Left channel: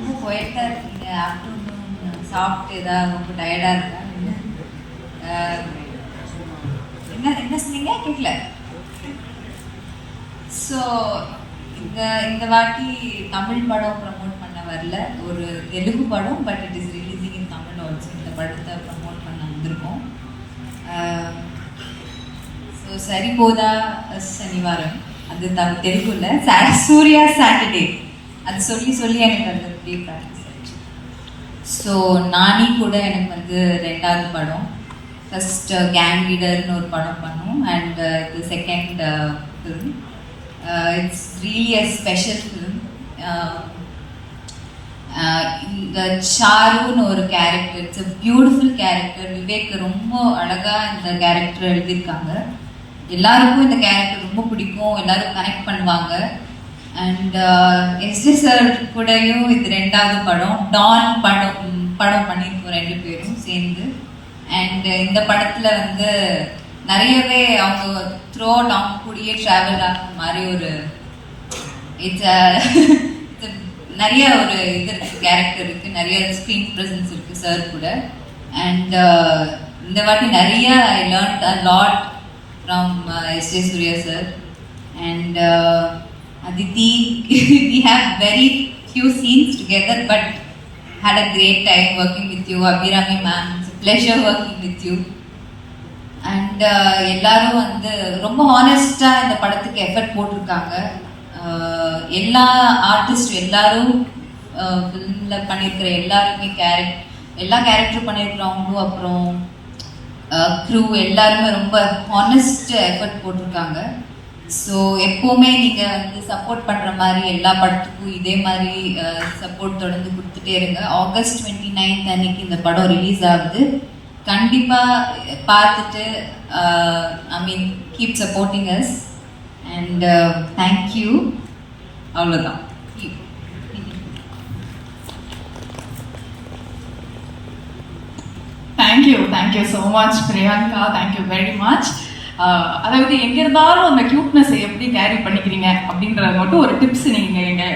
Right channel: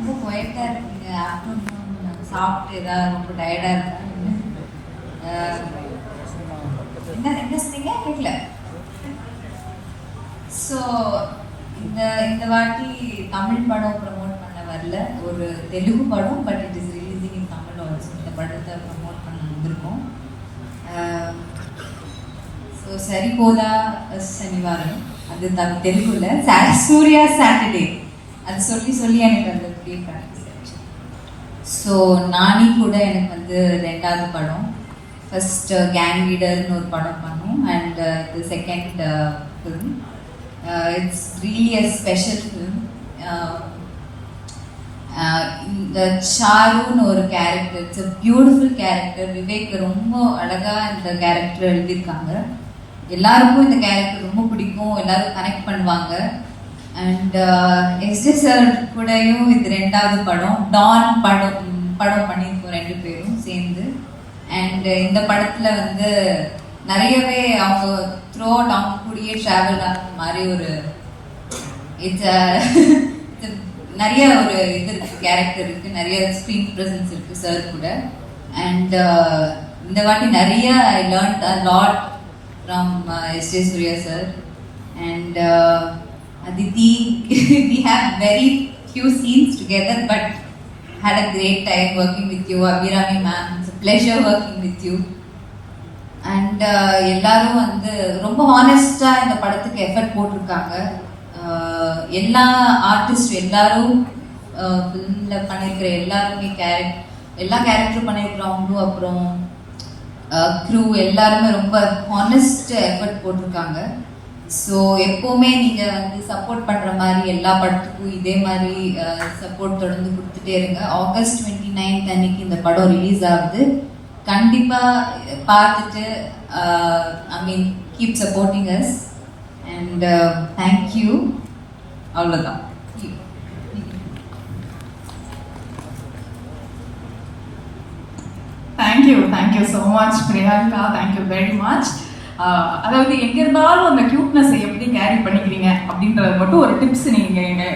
ரொம்ப குவைட்டா இருக்கீங்க, ஆஃப்டர்நூன் சாப்பிட்டு ஏதாவது ரொம்ப டயர்டா இருக்குன்னு என்ன என்ன சொன்னீங்க கேட்கல. ஸோ இந்த இந்த வாட்டி தமிழ் படம் ப்ரமோட் பண்ண வரல, ஒரு தெலுங்கு படம், but it is releasing in Tamil also. இந்த படத்தை ப்ரமோட் பண்ண வந்திருக்கோம். ஸோ சரிபோதா சனிவாரம், அது தெலுங்குல சூர்யா சாட்டர்டே, அது சொல்லி சொல்லி எனக்கு அந்த அப்படியே ப்ராக்டிஸ் ஆச்சு. ஸோ நானி கூட எனக்கு வந்து ரெண்டாவது படம். ஃபர்ஸ்ட் கேங் லீடர்னு ஒரு படம் பண்ணோம், அண்ட் இது second film. It's really a special film. இந்த சாருன்னு ஒரு character, it's a beautiful character. Vivek ரொம்ப அழகா இந்த கேரக்டர் எழுதியிருக்காங்க. எல்லாருக்கும் இந்த கேரக்டர் ரொம்ப பிடிக்கும், எல்லாரும் கனெக்ட் பண்ணுவாங்க. அண்ட் எஸ்ஜே சார் கூடயும் இது ரெண்டாவது படம். டான் படம் பண்ணியிருக்கோம் ரெண்டு பேரும் சேர்ந்து. அண்ட் இந்த படத்துல வந்து நிறையவே அவங்க த்ரூ அவுட் அவங்க கூடயே ட்ராவல் ஆகிற மாதிரி ஒரு நிறைய ஒரு இது இருக்கு, கேரக்டர் இருக்கு, நிறைய ஸ்க்ரீன் ப்ரெசன்ஸ் இருக்கு சார் கூட. அண்ட் இந்த வாட்டி நிறைய I learned a lot from S.J. Surya sir and Aditi. We have very few scenes together, but had a great time working with you. Abhirami ma'am, it's a pleasure working with you. And எல்லாரும் வந்து ரொம்ப ஹானஸ்டா இந்த படத்துக்கு effort போட்டிருக்காங்க. எல்லா artist எல்லாரும் ஃபிலிம்ல பண்ணியிருக்கிற எல்லாருமே எல்லா கேரக்டர் பண்ணியிருக்கிறவங்களும், அப்புறம் க்ரூ எல்லாருமே ரொம்ப ஹானஸ்ட் எஃபர்ட் போட்டிருக்காங்க. ஸோ எப்போவுமே நீங்கள் வந்து சப்போர்ட் பண்ணுற மாதிரி எல்லா படத்துக்கும் இதே மாதிரி சப்போர்ட் தொடர்ந்து கொடுத்துட்டே இருங்க. ஆகஸ்ட் 29 அன்னைக்கு இந்த படம் ரிலீஸ் ஆகுது. கண்டிப்பாக பார்த்துட்டு I mean keep supporting us and thank you. அவ்வளோதான். Thank you so much Priyanka, thank you very much. அதாவது எங்க இருந்தாலும் அந்த கியூட்னஸ் எப்படி கேரி பண்ணிக்கிறீங்க அப்படின்றது மட்டும் ஒரு டிப்ஸ் நீங்க